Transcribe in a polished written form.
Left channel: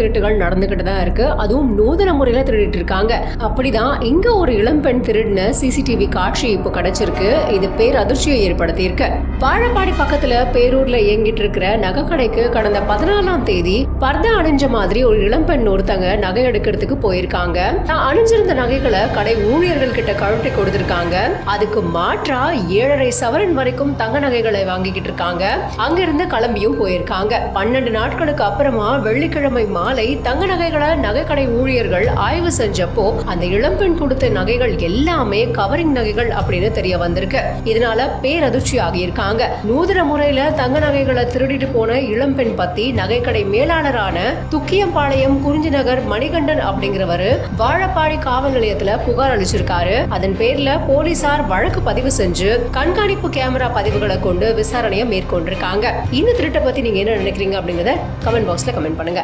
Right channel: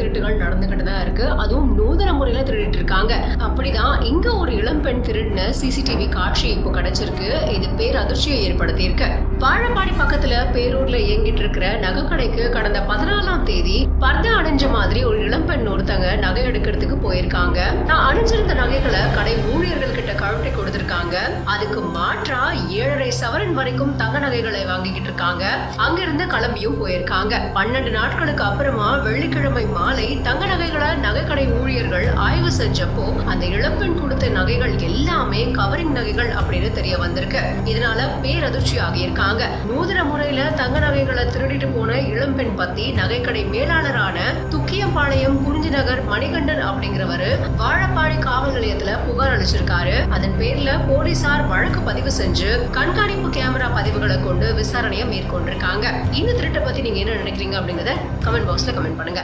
திருட்டுகள் நடந்துகிட்டு தான் இருக்கு. அதுவும் நூதன முறையில திருடிட்டு இருக்காங்க. அப்படிதான் இங்க ஒரு இளம்பெண் திருடின சிசிடிவி காட்சி இப்போ கிடைச்சிருக்கு. இது பேரதிர்ச்சியை ஏற்படுத்தி இருக்கு. வாழப்பாடி பக்கத்துல பேரூர்ல இயங்கிட்டு இருக்கிற நகை கடைக்கு கடந்த 14ஆம் தேதி பர்தா அணிஞ்ச மாதிரி ஒரு இளம்பெண் ஒருத்தங்க நகை எடுக்கிறதுக்கு போயிருக்காங்க. தான் அணிஞ்சிருந்த நகைகளை கடை ஊழியர்கள் கிட்ட கழட்டி கொடுத்திருக்காங்க. அதுக்கு மாற்றா 7.5 சவரன் வரைக்கும் தங்க நகைகளை வாங்கிக்கிட்டு இருக்காங்க. அங்கிருந்து கிளம்பியும் போயிருக்காங்க. 12 நாட்களுக்கு அப்புறமா வெள்ளிக்கிழமை மாலை தங்க நகைகளை நகைக்கடை ஊழியர்கள் ஆய்வு செஞ்சப்போ அந்த இளம்பெண் கொடுத்த நகைகள் எல்லாமே கவரிங் நகைகள் அப்படின்னு தெரிய வந்திருக்கு. இதனால பேரதிர்ச்சி ஆகியிருக்காங்க. நூதன முறையில தங்க நகைகளை திருடிட்டு போன இளம்பெண் பத்தி நகைக்கடை மேலாளரான துக்கியம்பாளையம் குறிஞ்சி நகர் மணிகண்டன் அப்படிங்கிறவரு வாழப்பாடி காவல் நிலையத்துல புகார் அளிச்சிருக்காரு. அதன் பேர்ல போலீசார் வழக்கு பதிவு செஞ்சு கண்காணிப்பு கேமரா பதிவுகளை கொண்டு விசாரணையை மேற்கொண்டிருக்காங்க. இந்த திருட்டை பத்தி நீங்க என்ன நினைக்கிறீங்க அப்படிங்கறத கமெண்ட் பாக்ஸ்ல கமெண்ட் பண்ணுங்க.